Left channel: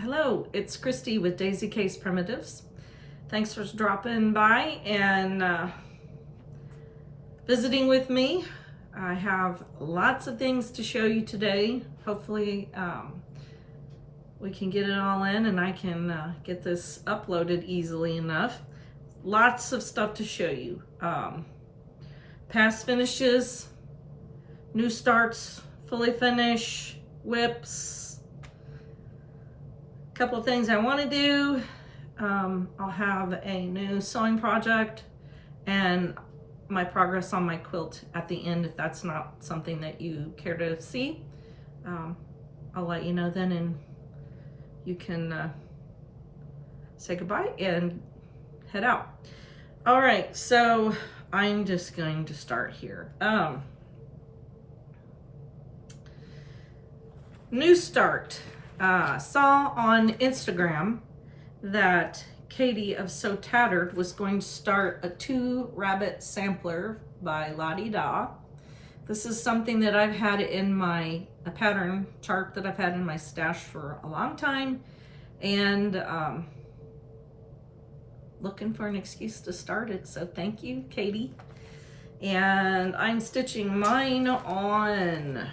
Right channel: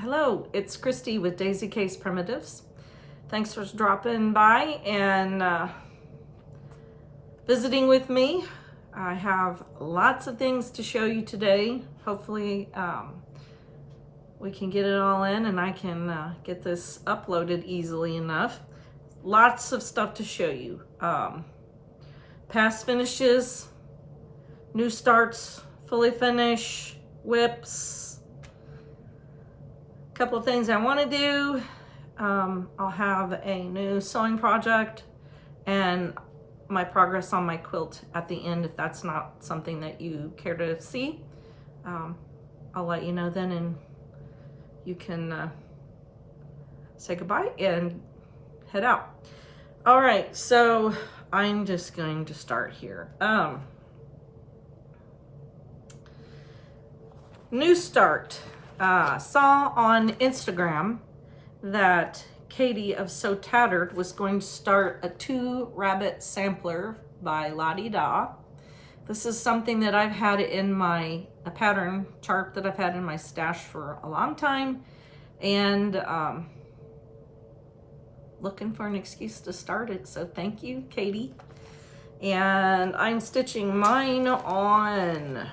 Hello, it's Christy with Daisy Case Primitives. Thanks for dropping by and visiting with me. I have lots of things to show you today. Hopefully we can get it all in and I can get this uploaded easily enough. Lots of stuff to show you. Past finishes, new starts, fully finish, whips. A couple of things I want to do. I'll have a new sewing project and my progress on my quilt at the end if that's not something that you care to see. I'll let you know then and you can say goodbye and head out. All right, so I'm just going to start here. New start. Saw on Instagram that Katie of So Tattered was going to start a 2-rabbit sampler by La-Di Da. This is something that I've had in a pattern chart that I've had in my stash for a long time, and looking for an excuse to start it, so thank you, Katie. And I'm stitching mine on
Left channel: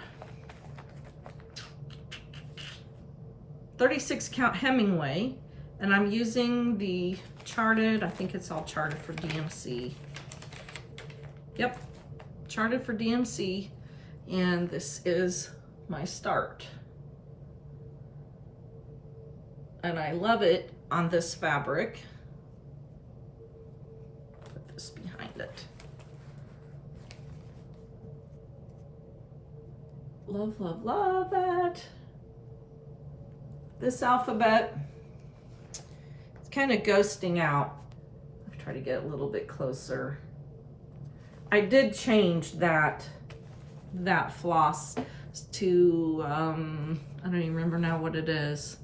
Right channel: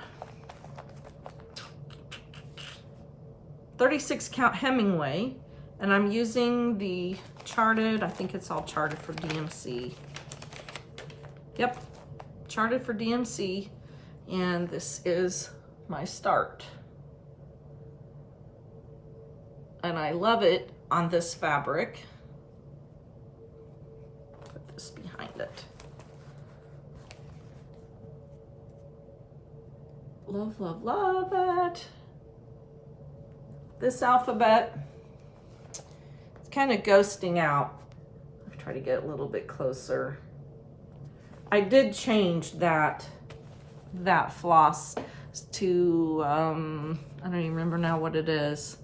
36 count Hemingway, and I'm using the charted, I think it's all charted for DMC. Yep, charted for DMC, and this is my start. And I love it on this fabric. Put this behind it. Love, love, love it. This alphabet, it's kind of ghosting out. I'll try to get a little bit closer. I did change that floss to, I don't even remember now what it is,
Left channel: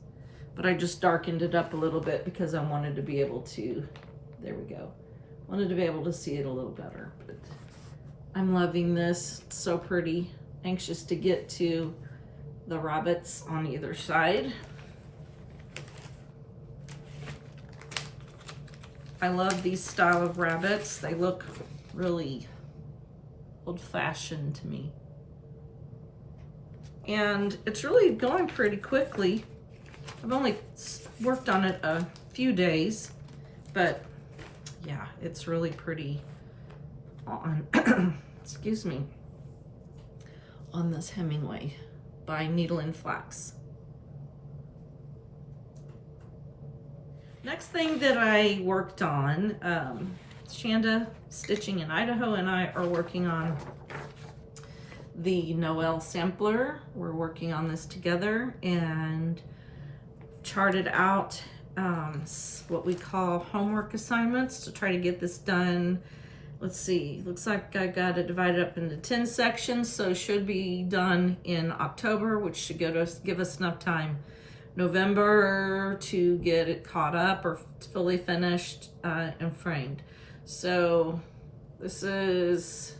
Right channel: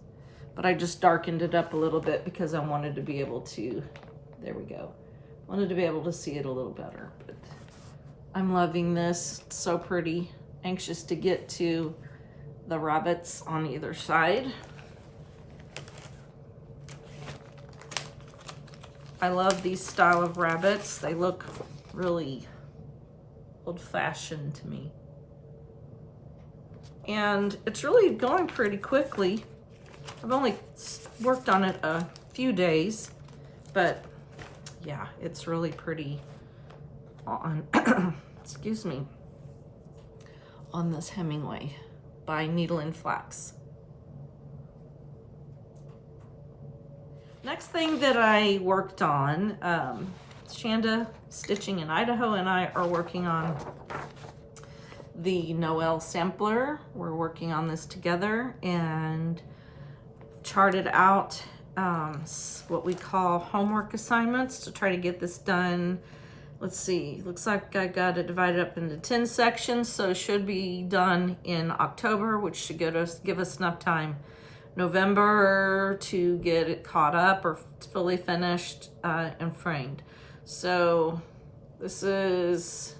but I just darkened it up a little bit because I wanted to be able to, there we go. Wanted to be able to see it a little better. But I'm loving this, it's so pretty. Anxious to get to the rabbits on either side. I love these style of rabbits. They look really old-fashioned to me. And it's really going pretty quickly. I've only worked on it a few days, but yeah, it's really pretty on, excuse me, on this Hemingway by Needle and Flax. Next thing that I worked on, Shanda Stitching in Idaho and I are working on the Noel sampler. We're working on this together and charted out what we call homework assignments to try to get this done. Let's see, looks like I got it divided up into 10 sections, so it should be done in October, which should give us enough time November to get it caught up or fully finished and framed. So this is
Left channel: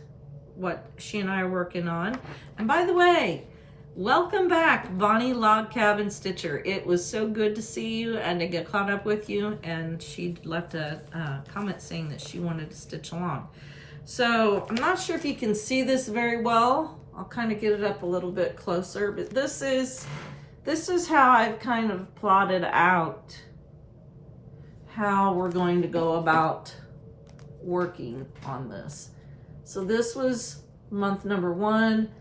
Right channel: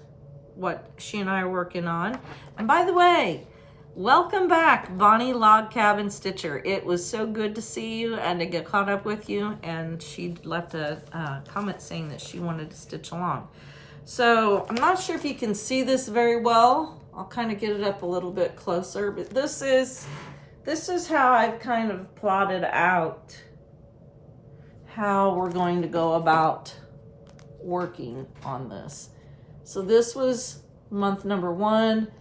what she and I are working on. And by the way, welcome back, Bonnie Log Cabin Stitcher. It was so good to see you and to get caught up with you. And she left a comment saying that she wanted to stitch along. So I'm not sure if you can see this very well. I'll kind of get it up a little bit closer, but this is how I've kind of plotted out how we're going to go about working on this. So this was month number 1,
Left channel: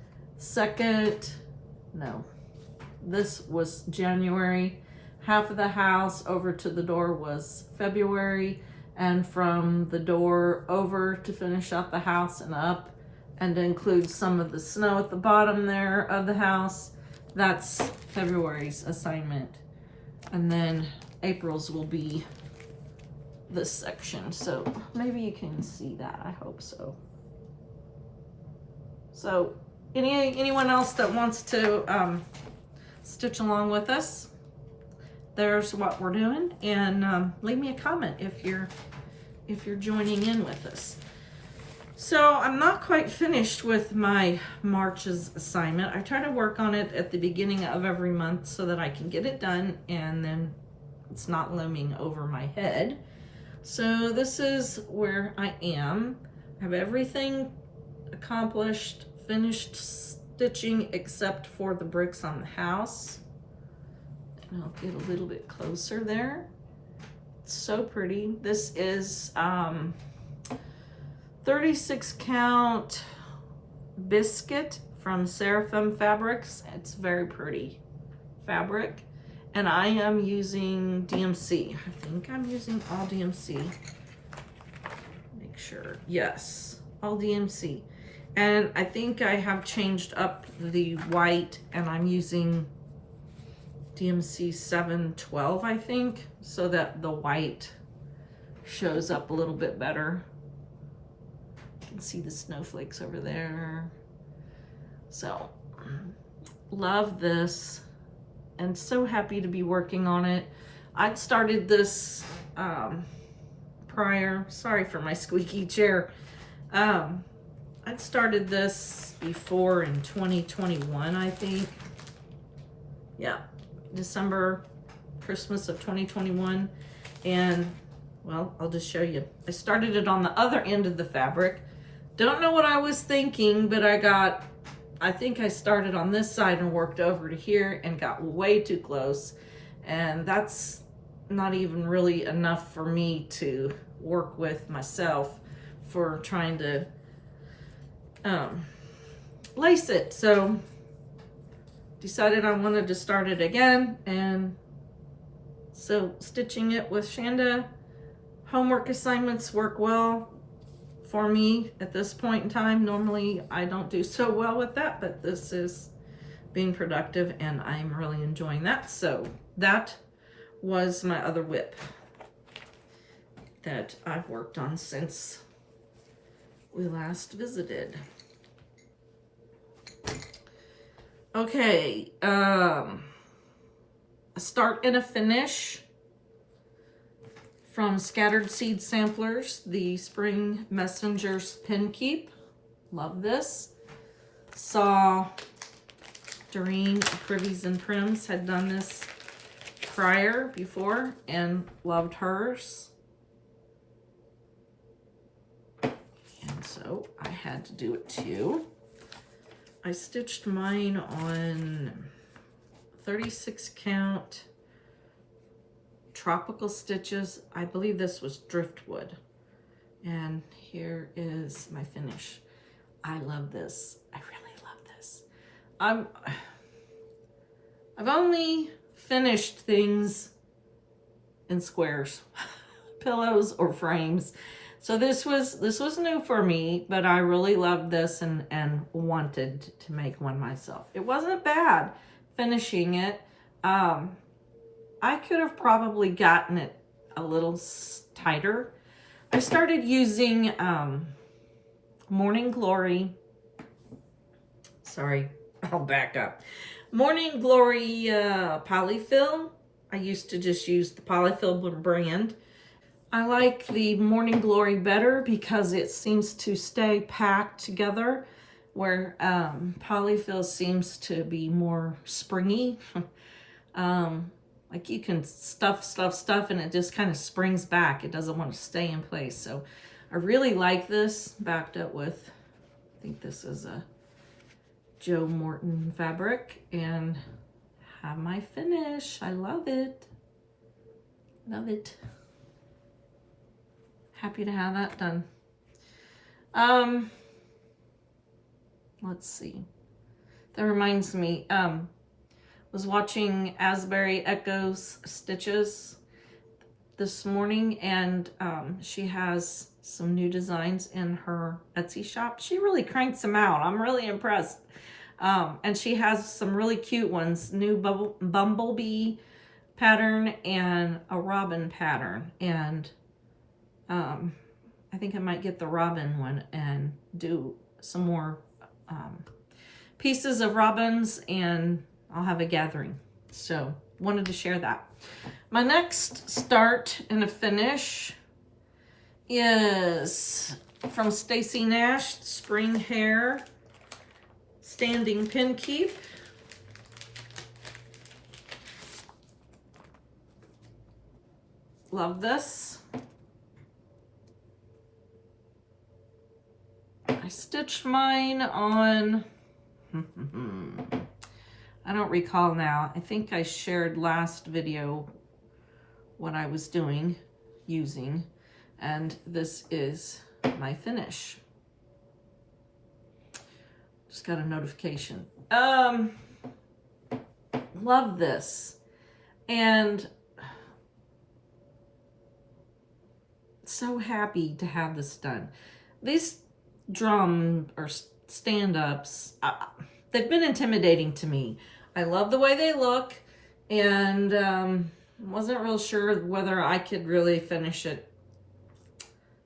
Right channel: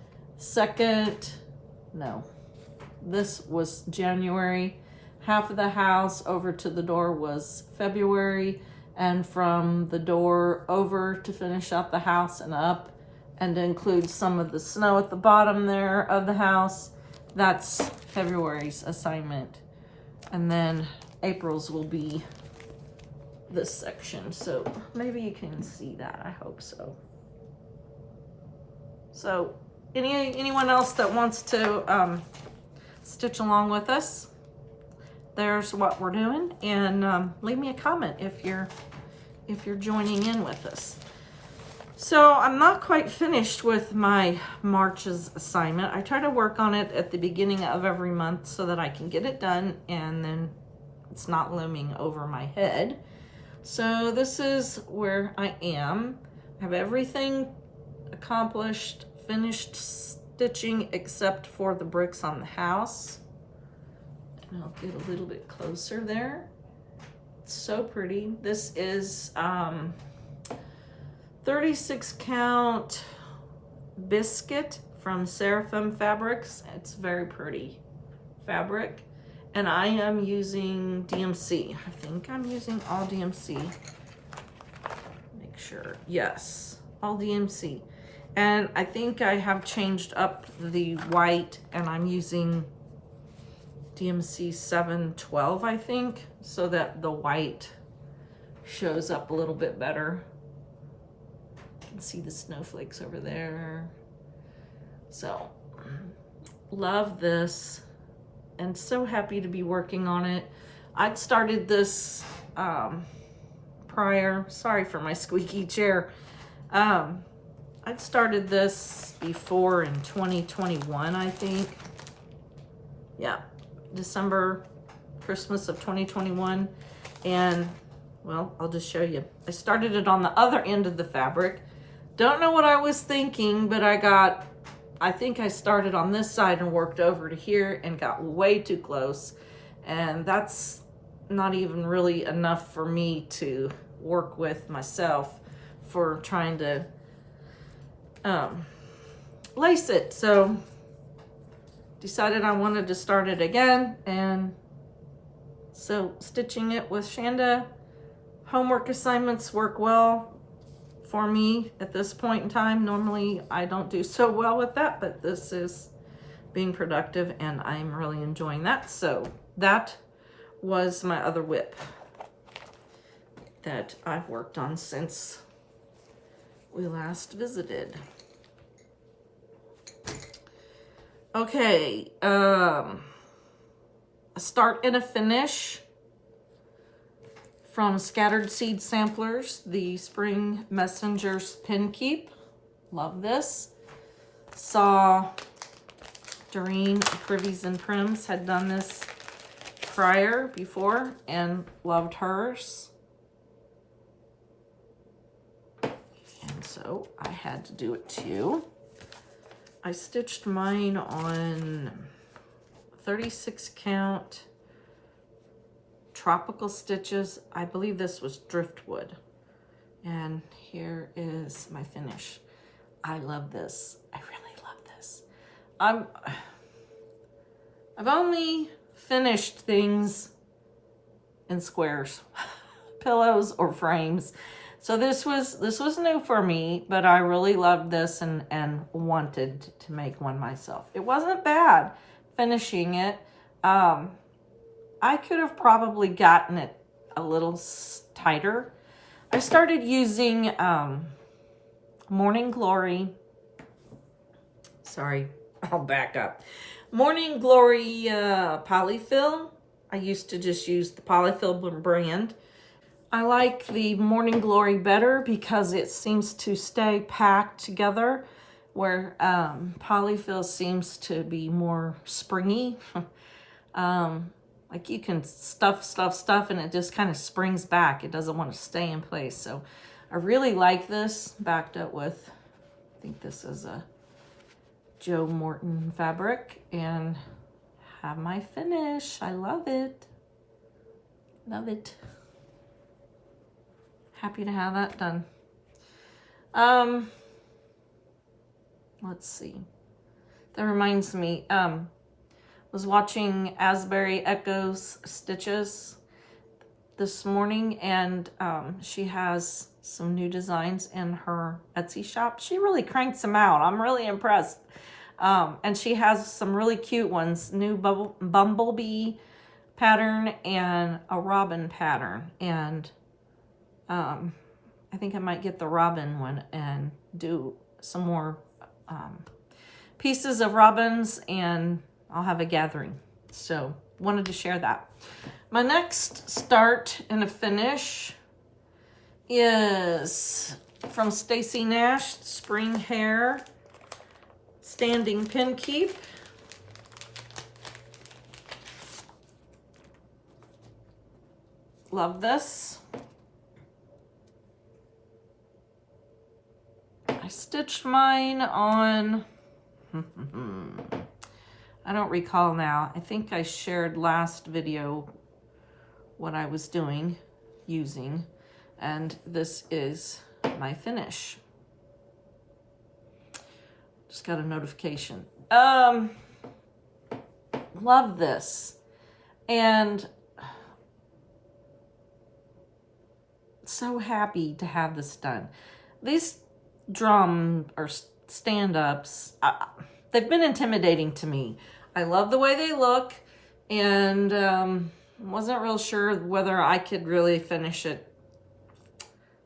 this was January. Half of the house over to the door was February, and from the door over to finish up the house and up and to include some of the snow at the bottom there of the house, that's February's assignment. And then April's will be this section. So maybe you can see that, I hope so. So anyone else that wants to stitch along with us, there's what we're doing. And leave me a comment if you're joining in with us. So I'm not quite finished with my March's assignment. I try to work on it at the beginning of every month so that I can get it done and then it's not looming over my head. So this is where I am. I have everything accomplished, finished stitching except for the bricks on the house. And I'll get a little bit closer there. It's so pretty. This is 36 count biscuit from Seraphim Fabrics. It's very pretty fabric. And I am using DMC. I think I'm using all DMC. Make sure. Yes, all DMC. And I think I have changed up the white and I'm using DMC 712, I think, so that the white shows up a little bit better. You can see the snowflakes over there. So, love this and so happy to be working on it. I'd started this prior, sorry for my squeaky chair. I'd started this before in 2021, I think. Yeah, December, Christmas of 2021. And well, I'll just show you. I started it on the other end of the fabric. Don't know what I was thinking, but I think I started on this side and worked over to here and got way too close. And that's not even really enough for me to work with myself for trying to lace it. So decided I wanted to start it again. And so stitching it with Shanda. Homework assignments work well for me at this point in time. Normally I don't do so well with that, but this is being productive and I'm really enjoying that. So that was my other whip that I've worked on since we last visited. Okay, a start and a finish from Scattered Seed Samplers, the Spring Messengers Pin Keep. Love this. Saw Doreen Privies and Prims had done this before and loved hers. And so I had to do it too. I stitched mine on 36 count tropical stitches. I believe this was driftwood. And here is my finish. I love this. I really love this. I've only finished things in squares, pillows or frames. So this was new for me, but I really loved this and wanted to make one myself. It wasn't bad finishing it. I could have probably gotten it a little tighter. I started using Morning Glory. Sorry, I'll back up. Morning Glory polyfill. I used to just use the polyfill brand. I like the Morning Glory better because it seems to stay packed together, where polyfill seems to be more springy. Like you can stuff and it just kind of springs back. It doesn't want to stay in place. So I really like this, backed up with, I think this is a Joe Morton fabric, and have my finish. I love it. Love it. Happy to have that done. Let's see. That reminds me, was watching Asbury Echo's stitches this morning, and she has some new designs in her Etsy shop. She really cranks them out. I'm really impressed. And she has some really cute ones, new bumblebee pattern and a robin pattern. And I think I might get the robin one and do some more pieces of robins, and I'll have a gathering. So wanted to share that. My next start and a finish is from Stacy Nash, Spring Hair Standing Pin Keep. Love this. I stitched mine on, I don't recall now. I think I shared last video what I was doing, using, and this is my finish. Just got a notification. Love this. And so happy to have this done. These drum or stand-ups, they've been intimidating to me. I love the way they look, and wasn't real sure whether I could really finish it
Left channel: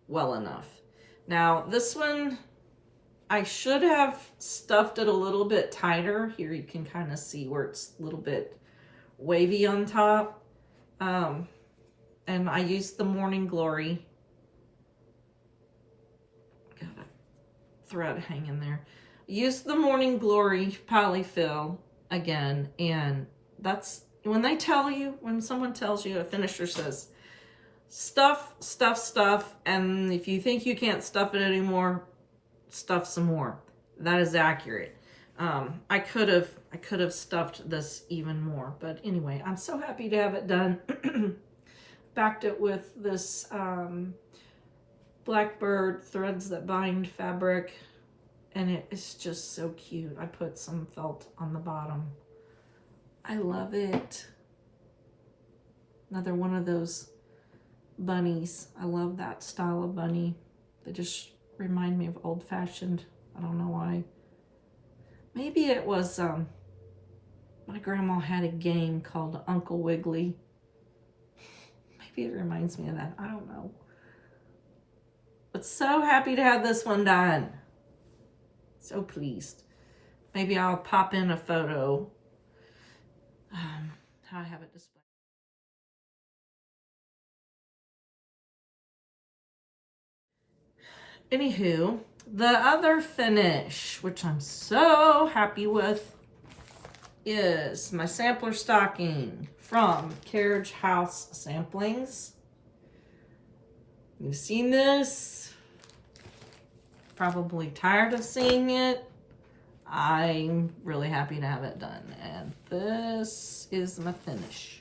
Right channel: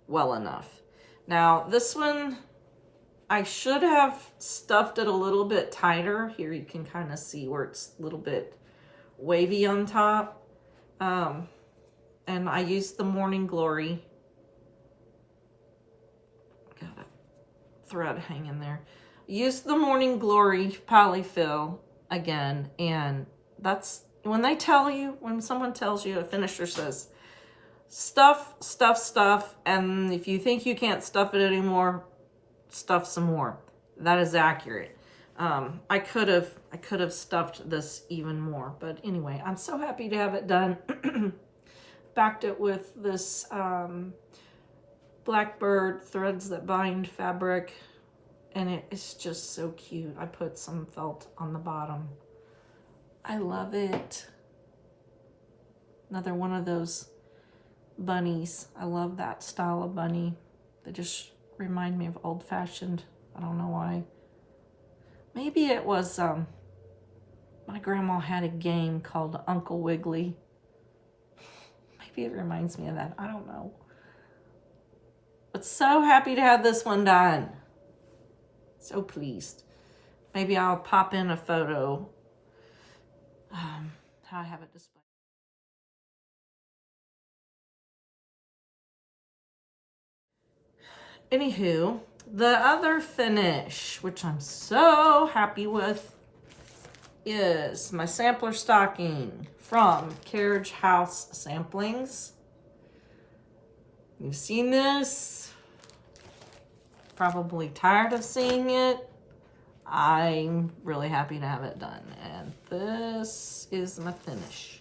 well enough. Now this one, I should have stuffed it a little bit tighter. Here you can kind of see where it's a little bit wavy on top. And I used the Morning Glory. Got a thread hanging there. Used the Morning Glory polyfill again, and that's when they tell you, when someone tells you, a finisher says, stuff, stuff, stuff, and if you think you can't stuff it anymore, stuff some more. That is accurate. I could have stuffed this even more, but anyway, I'm so happy to have it done. Backed it with this Blackbird Threads That Bind fabric, and it is just so cute. I put some felt on the bottom. I love it. Another one of those bunnies. I love that style of bunny. They just remind me of old-fashioned. I don't know why. Maybe it was, my grandma had a game called Uncle Wiggly. Maybe it reminds me of that. I don't know. But so happy to have this one done. So pleased. Maybe I'll pop in a photo. How I have it displayed. Anywho, the other finish, which I'm so happy with, is my sampler stocking from Carriage House Samplings. You've seen this. Probably tired of seeing it. I'm really happy to have it done. And this is my finish.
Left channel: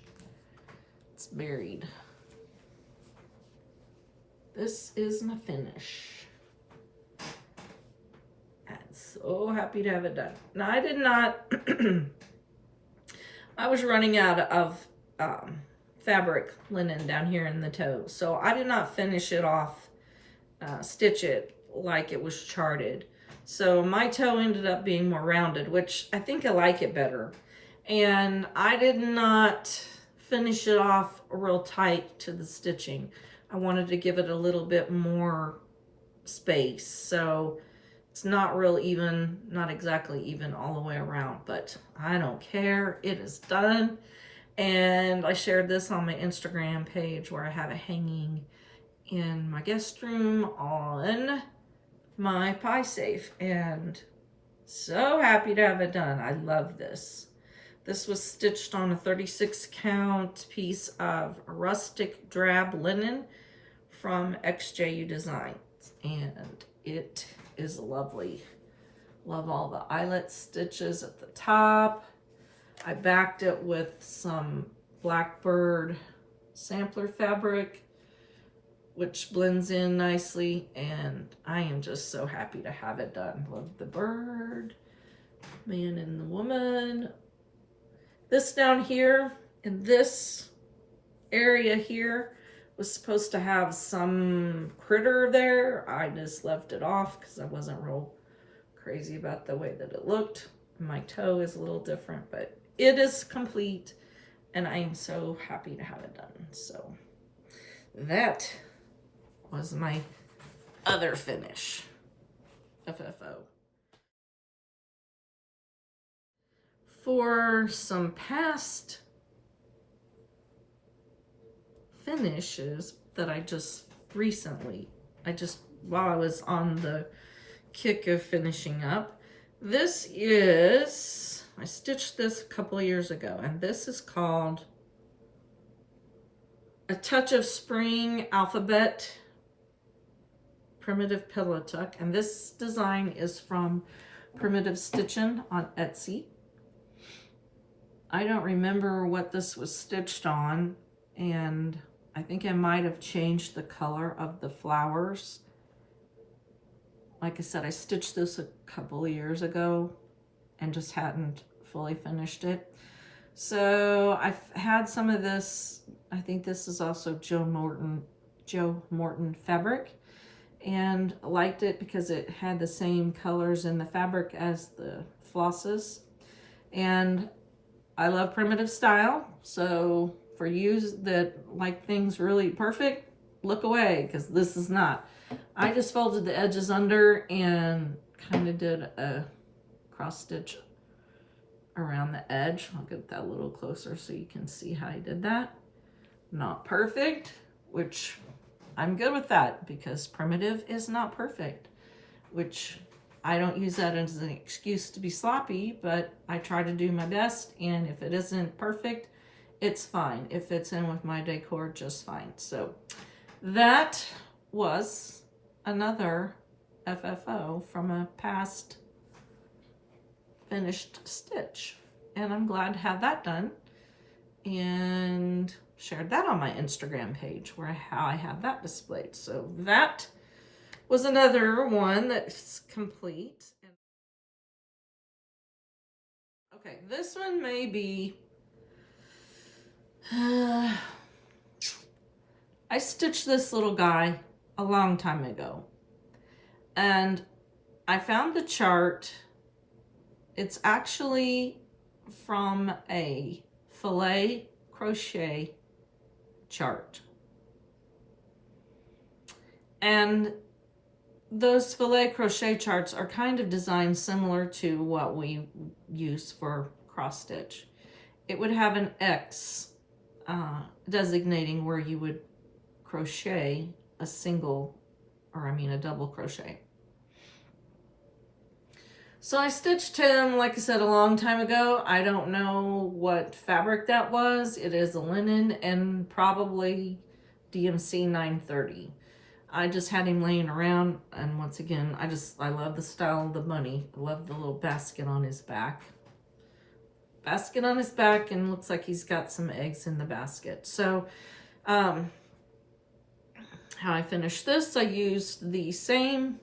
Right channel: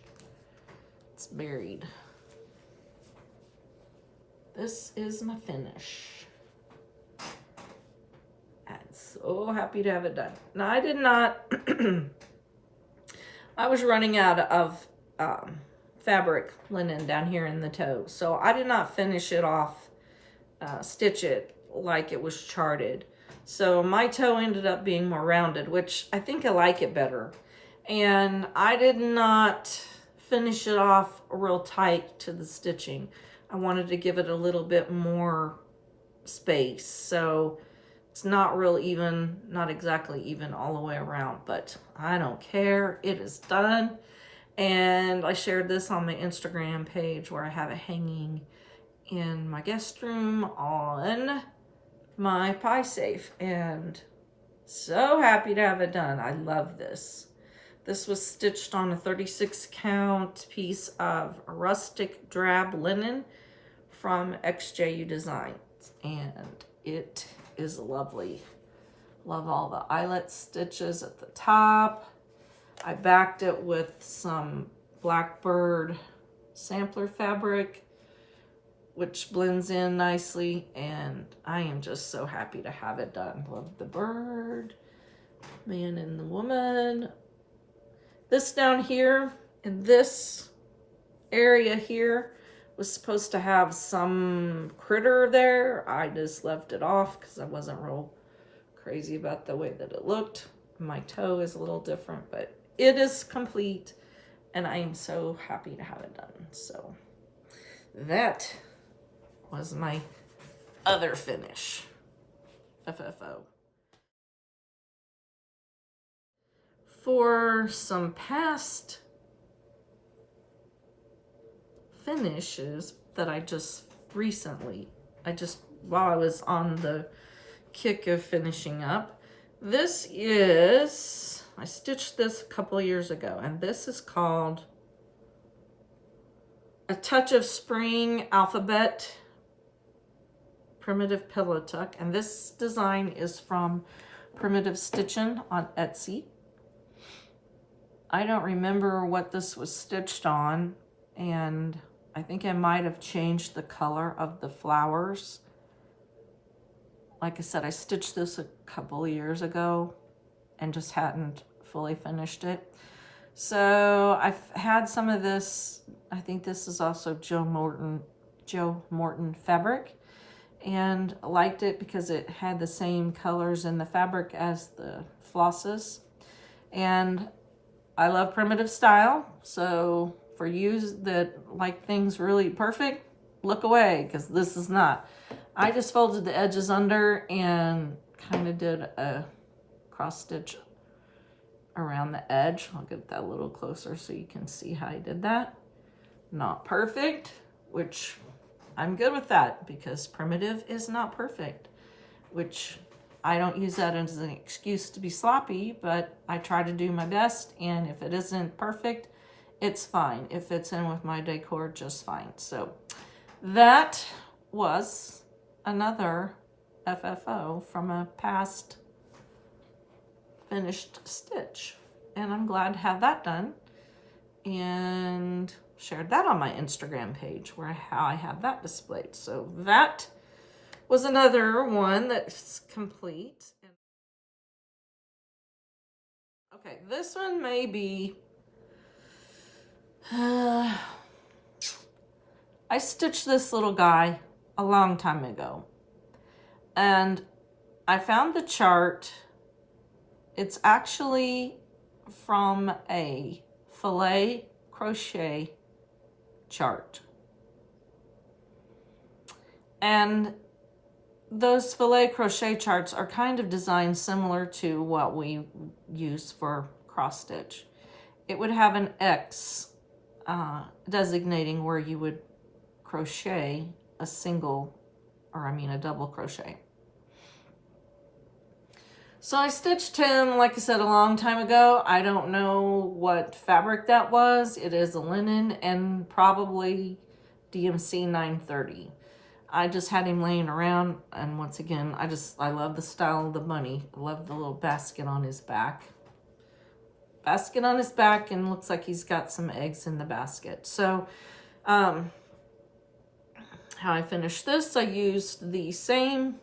It's buried. This is my finish. I'm so happy to have it done. Now, I did not, I was running out of fabric linen down here in the toe, so I did not finish it off, stitch it like it was charted. So my toe ended up being more rounded, which I think I like it better. And I did not finish it off real tight to the stitching. I wanted to give it a little bit more space. So it's not real even, not exactly even all the way around, but I don't care. It is done. And I shared this on my Instagram page where I have it hanging in my guest room on my pie safe, and so happy to have it done. I love this. This was stitched on a 36 count piece of rustic drab linen from XJU Designs, and it is lovely. Love all the eyelet stitches at the top. I backed it with some Blackbird sampler fabric, which blends in nicely, and I am just so happy to have it done. Love the bird, man and the woman. This down here, in this area here, was supposed to have some critter there. I just left it off because I wasn't real crazy about the way that it looked. My toe is a little different, but it is complete, and I am so happy to have it done. So that was my other finish, FFO. For some past finishes that I just while I was on the kick of finishing up. This is, I stitched this a couple of years ago, and this is called A Touch of Spring Alphabet Primitive Pillow Tuck, and this design is from Primitive Stitchin' on Etsy. I don't remember what this was stitched on, and I think I might have changed the color of the flowers. Like I said, I stitched this a couple of years ago and just hadn't fully finished it. So I've had some of this. I think this is also Joe Morton fabric, and liked it because it had the same colors in the fabric as the flosses. And I love primitive style, so for you that like things really perfect, look away, because this is not. I just folded the edges under and kind of did a cross stitch around the edge. I'll get that a little closer so you can see how I did that. Not perfect, which I'm good with that, because primitive is not perfect, which I don't use that as an excuse to be sloppy, but I try to do my best, and if it isn't perfect, it's fine. It fits in with my decor just fine. So that was another FFO from a past finished stitch, and I'm glad to have that done, and shared that on my Instagram page where how I have that displayed. So that was another one that's complete. Okay, this one may be, I stitched this little guy a long time ago, and I found the chart. It's actually from a filet crochet chart, and those filet crochet charts are kind of designed similar to what we use for cross stitch. It would have an X designating where you would crochet a single, or I mean a double crochet. So I stitched him, like I said, a long time ago. I don't know what fabric that was. It is a linen and probably DMC 930. I just had him laying around, and once again, I love the style of the bunny. I love the little basket on his back. Basket on his back, and looks like he's got some eggs in the basket. So, how I finished this, I used the same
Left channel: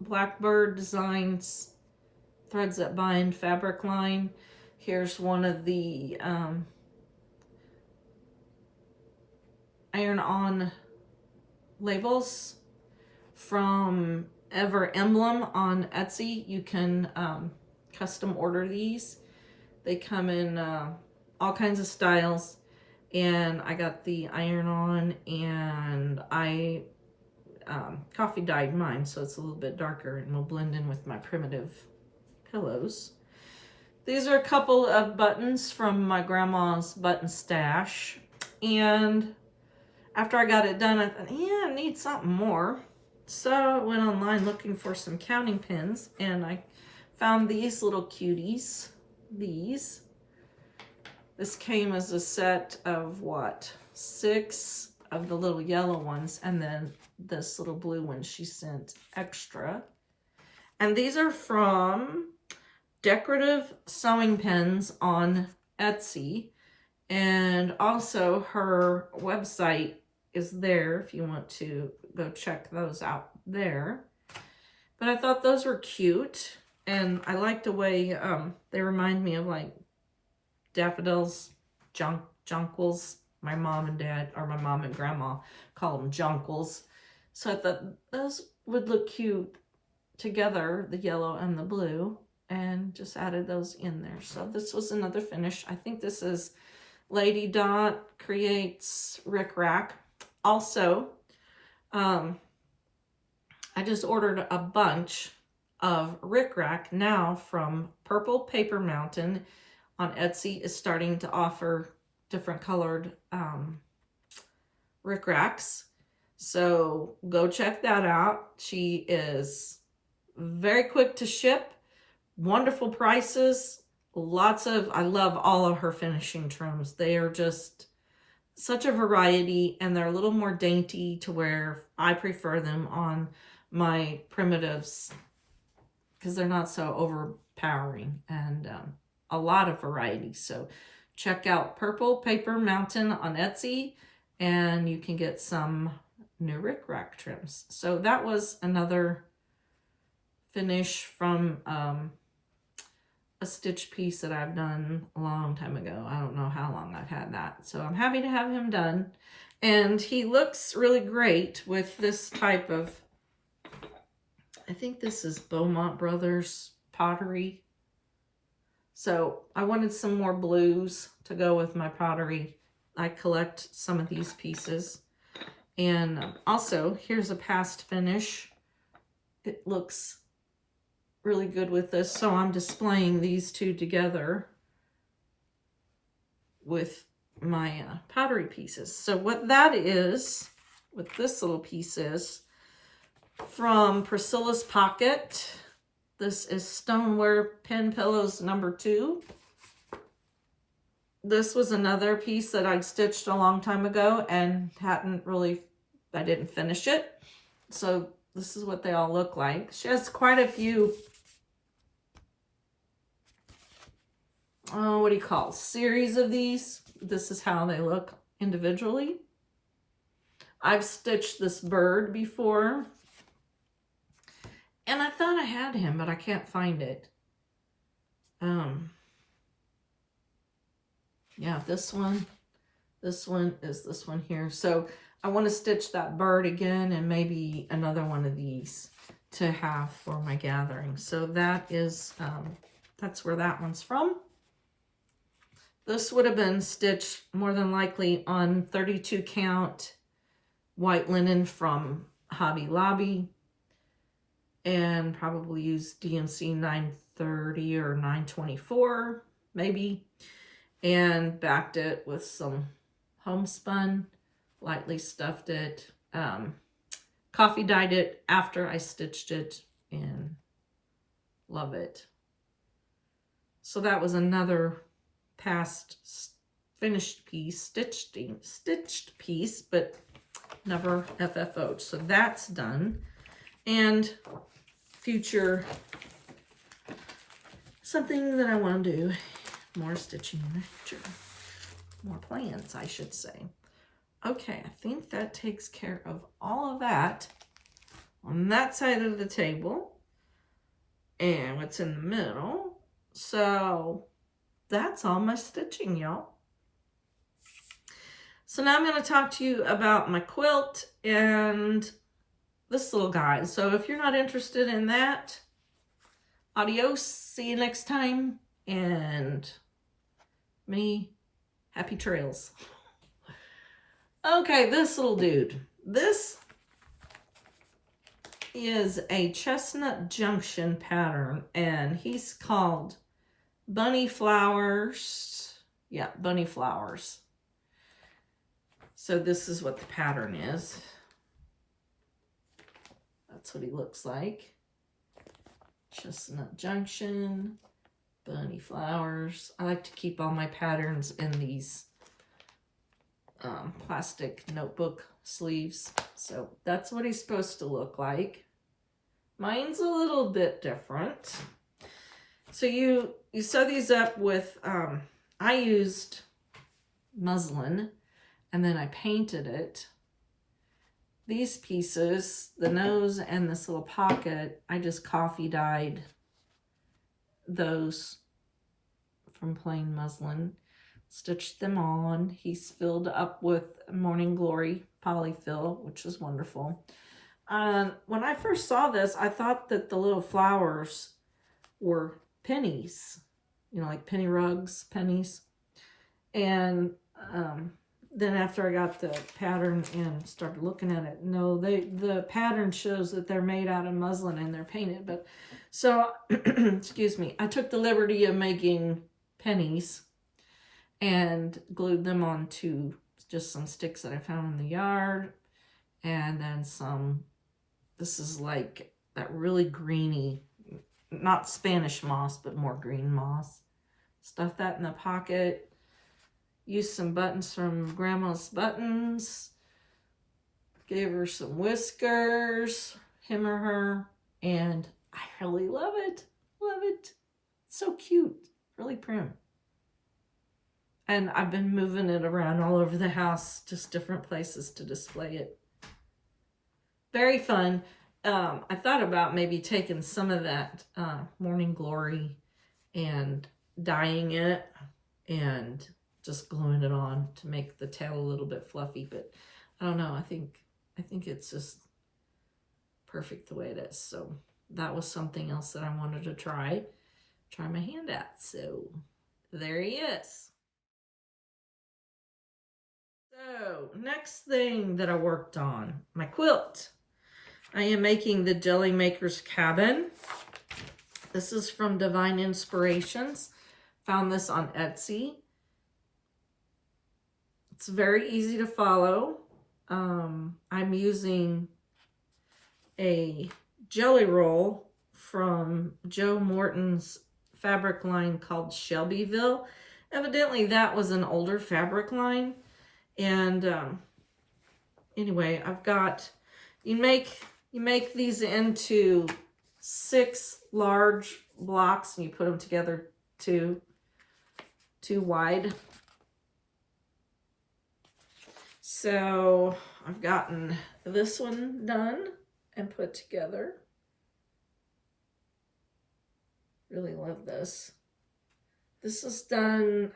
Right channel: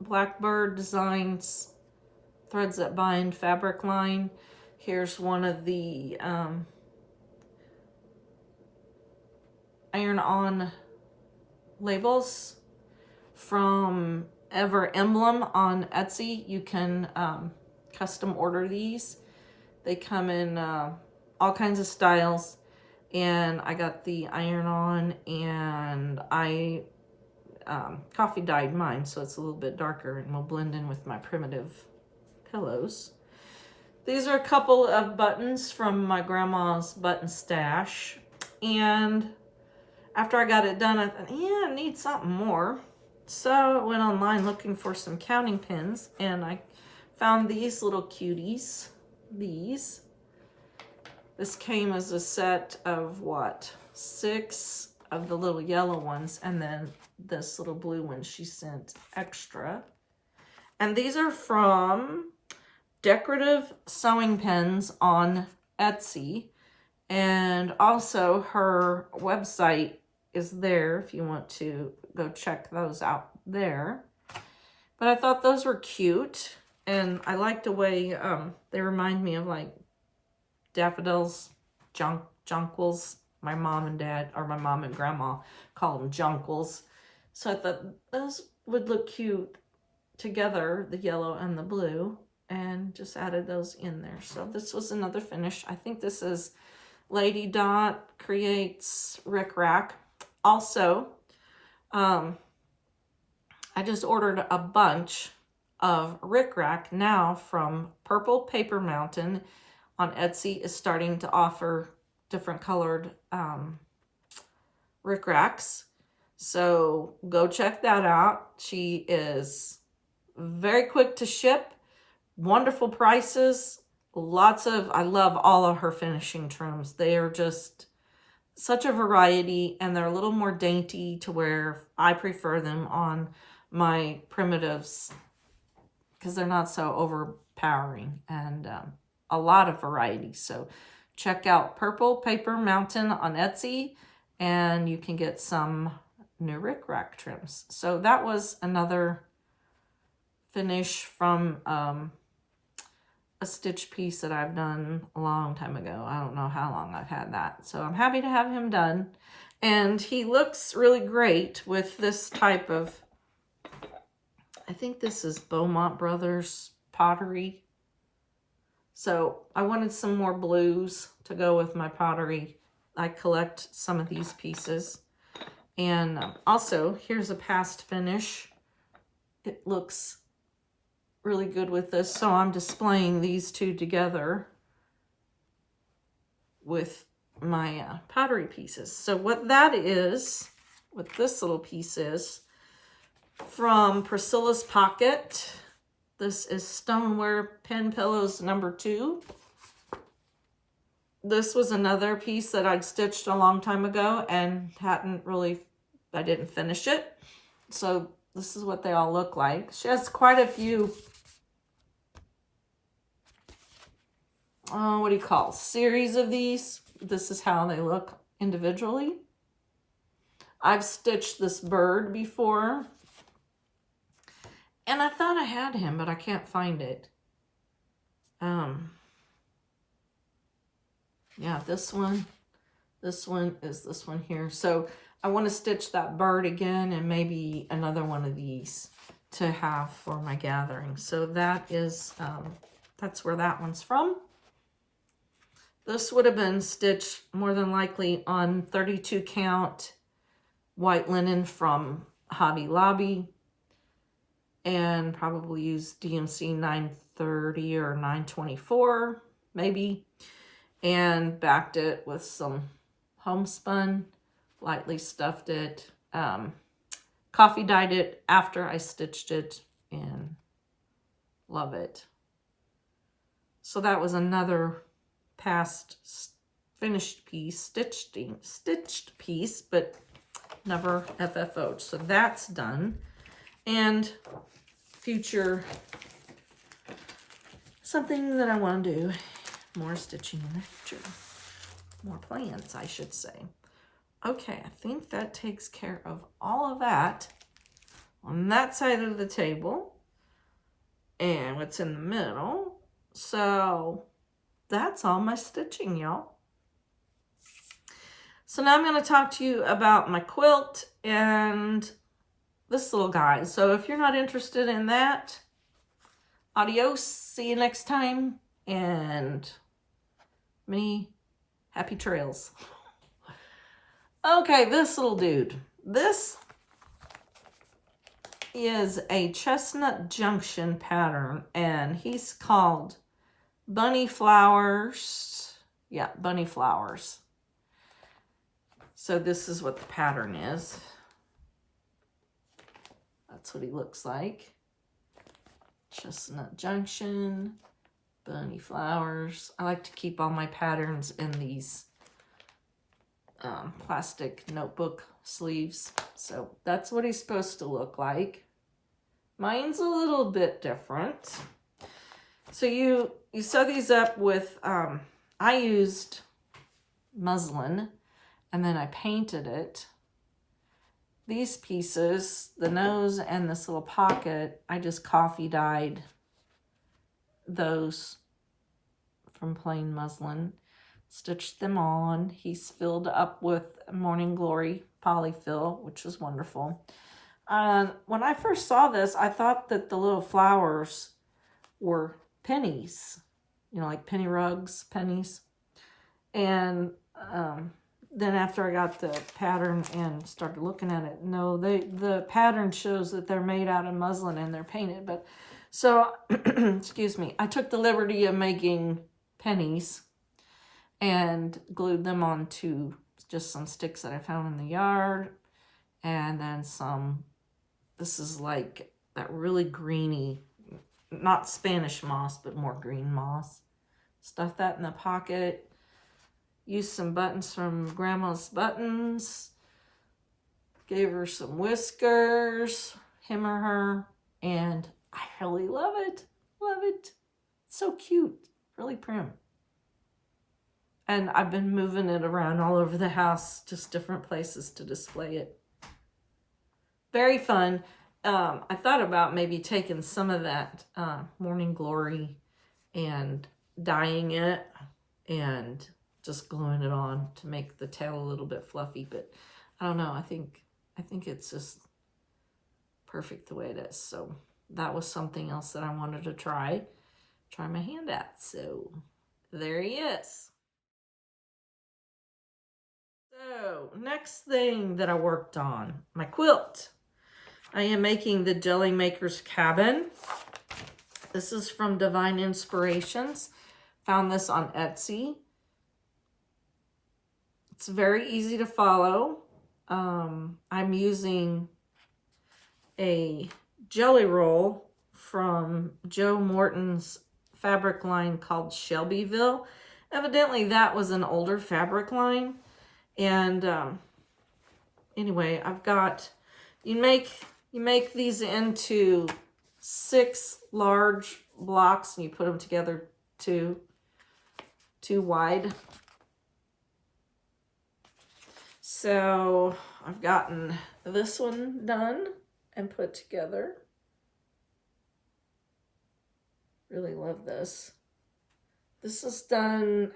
Blackbird Designs Threads That Bind fabric line. Here's one of the iron-on labels from Ever Emblem on Etsy. You can custom order these. They come in all kinds of styles, and I got the iron-on, and I coffee dyed mine, so it's a little bit darker and will blend in with my primitive pillows. These are a couple of buttons from my grandma's button stash, and after I got it done, I thought, yeah, I need something more. So I went online looking for some counting pins, and I found these little cuties. This came as a set of what? 6 of the little yellow ones, and then this little blue one she sent extra. And these are from Decorative Sewing Pens on Etsy. And also her website is there if you want to go check those out there. But I thought those were cute, and I like the way they remind me of like daffodils, jonquils. My mom and dad, or my mom and grandma, call them jonquils. So I thought those would look cute together, the yellow and the blue, and just added those in there. So this was another finish. I think this is Lady Dot Creates Rick Rack. Also, I just ordered a bunch of Rick Rack now from Purple Paper Mountain on Etsy. Is starting to offer different colored Rick Racks. So go check that out. She is very quick to ship, wonderful prices, I love all of her finishing trims. They are just such a variety, and they're a little more dainty to where I prefer them on my primitives because they're not so overpowering, and a lot of variety. So check out Purple Paper Mountain on Etsy, and you can get some new rickrack trims. So that was another finish from a stitch piece that I've done a long time ago. I don't know how long I've had that. So I'm happy to have him done. And he looks really great with this type of, I think this is Beaumont Brothers pottery. So I wanted some more blues to go with my pottery. I collect some of these pieces. And also, here's a past finish. It looks really good with this, so I'm displaying these two together with my pottery pieces. So what that is, what this little piece is, from Priscilla's Pocket. This is Stoneware Pen Pillows number 2. This was another piece that I'd stitched a long time ago and I didn't finish it. So this is what they all look like. She has quite a few, what do you call, series of these. This is how they look individually. I've stitched this bird before, and I thought I had him, but I can't find it. Yeah, this one is this one here. So I want to stitch that bird again, and maybe another one of these to have for my gathering. So that is, that's where that one's from. This would have been stitched more than likely on 32 count white linen from Hobby Lobby, and probably use DMC 930 or 924 maybe, and backed it with some homespun, lightly stuffed it, coffee dyed it after I stitched it, and love it. So that was another past finished piece, stitched piece, but never FFO'd. So that's done. And future, something that I want to do, more stitching in the future. More plans, I should say. Okay, I think that takes care of all of that on that side of the table. And what's in the middle. So that's all my stitching, y'all. So now I'm going to talk to you about my quilt and this little guy. So if you're not interested in that, adios, see you next time, and many happy trails. Okay, this little dude. This is a Chestnut Junction pattern, and he's called Bunny Flowers. Yeah, Bunny Flowers. So this is what the pattern is. That's what he looks like. Chestnut Junction, Bunny Flowers. I like to keep all my patterns in these plastic notebook sleeves. So that's what he's supposed to look like. Mine's a little bit different. So you sew these up with, I used muslin, and then I painted it. These pieces, the nose and this little pocket, I just coffee dyed those from plain muslin. Stitched them on. He's filled up with Morning Glory polyfill, which is wonderful. When I first saw this, I thought that the little flowers were pennies, you know, like penny rugs, pennies. And then after I got the pattern and started looking at it, no, the pattern shows that they're made out of muslin and they're painted. But so, excuse me, I took the liberty of making pennies and glued them onto just some sticks that I found in the yard. and then some, this is like that really greeny, not Spanish moss, but more green moss. Stuff that in the pocket. Used some buttons from Grandma's Buttons. Gave her some whiskers, him or her, and I really love it. Love it. So cute. Really prim. And I've been moving it around all over the house, just different places to display it. Very fun. I thought about maybe taking some of that Morning Glory and dyeing it and just gluing it on to make the tail a little bit fluffy, but I don't know. I think it's just perfect the way it is. So that was something else that I wanted to try my hand at. So there he is. So next thing that I worked on, my quilt. I am making the Jelly Maker's Cabin. This is from Divine Inspirations. Found this on Etsy. It's very easy to follow. I'm using a jelly roll from Joe Morton's fabric line called Shelbyville. Evidently that was an older fabric line. And anyway, I've got, you make these into 6 large blocks and you put them together too wide. So I've gotten this one done and put together. Really love this. This is done,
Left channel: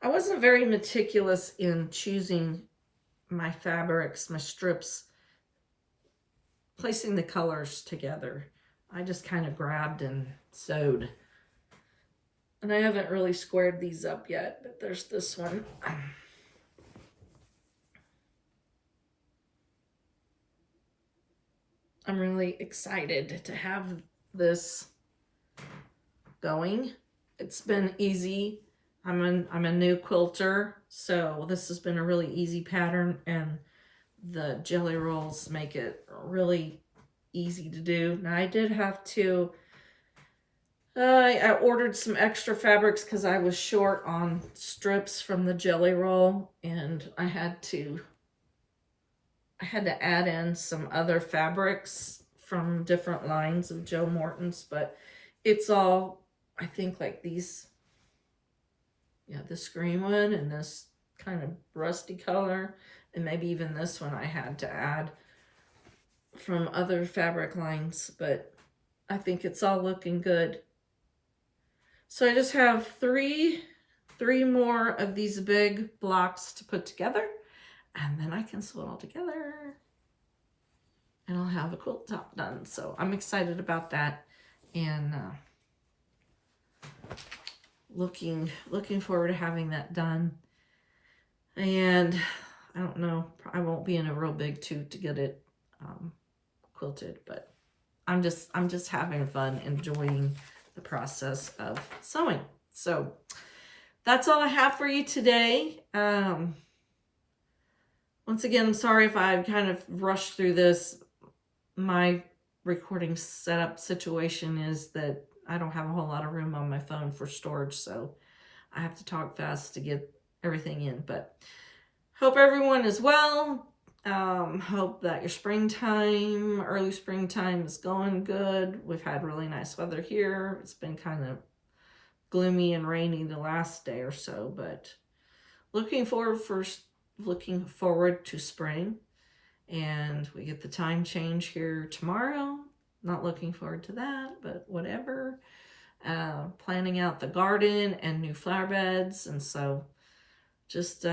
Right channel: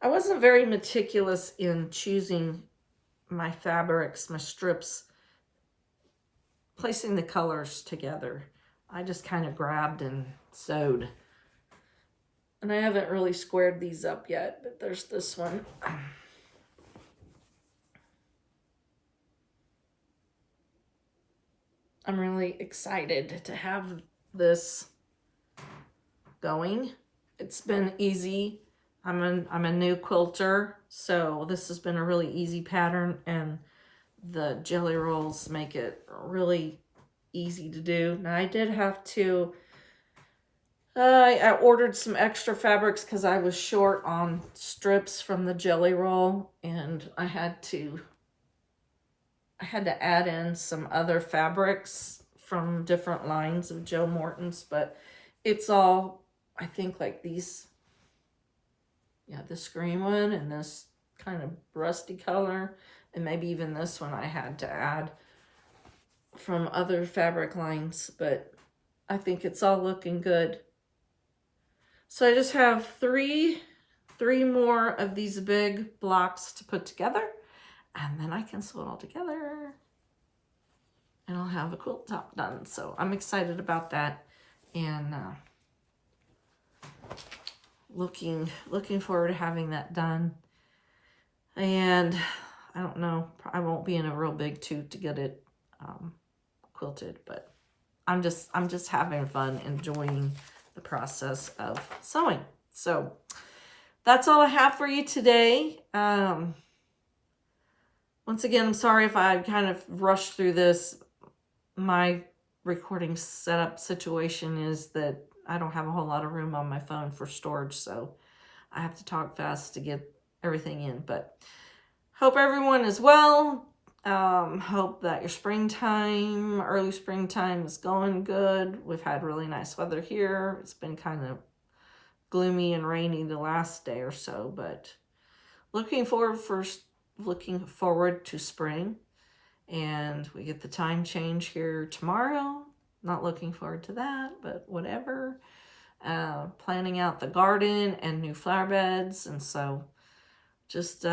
I wasn't very meticulous in choosing my fabrics, my strips, placing the colors together. I just kind of grabbed and sewed. And I haven't really squared these up yet, but there's this one. I'm really excited to have this going. It's been easy. I'm a new quilter, so this has been a really easy pattern, and the jelly rolls make it really easy to do. Now I did have to, I ordered some extra fabrics because I was short on strips from the jelly roll, and I had to add in some other fabrics from different lines of Joe Morton's, but it's all, I think, like these, yeah, this green one and this kind of rusty color, and maybe even this one I had to add from other fabric lines, but I think it's all looking good. So I just have three more of these big blocks to put together, and then I can sew it all together and I'll have a quilt top done. So I'm excited about that, and looking forward to having that done. And I don't know, I won't be in a real big toot to get it quilted, but I'm just having fun, enjoying the process of sewing. So that's all I have for you today. Once again, I'm sorry if I kind of rushed through this. My recording setup situation is that I don't have a whole lot of room on my phone for storage, so I have to talk fast to get everything in. But hope everyone is well. Hope that your springtime, early springtime, is going good. We've had really nice weather here. It's been kind of gloomy and rainy the last day or so, but looking forward to spring. And we get the time change here tomorrow. Not looking forward to that, but whatever. Planning out the garden and new flower beds, and so just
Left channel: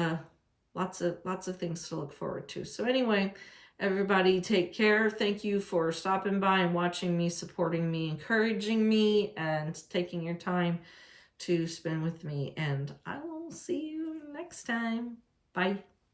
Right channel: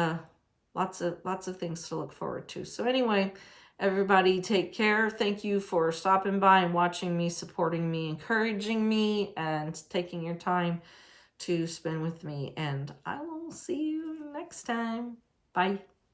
lots of things to look forward to. So anyway, everybody take care. Thank you for stopping by and watching me, supporting me, encouraging me, and taking your time to spend with me. And I will see you next time. Bye.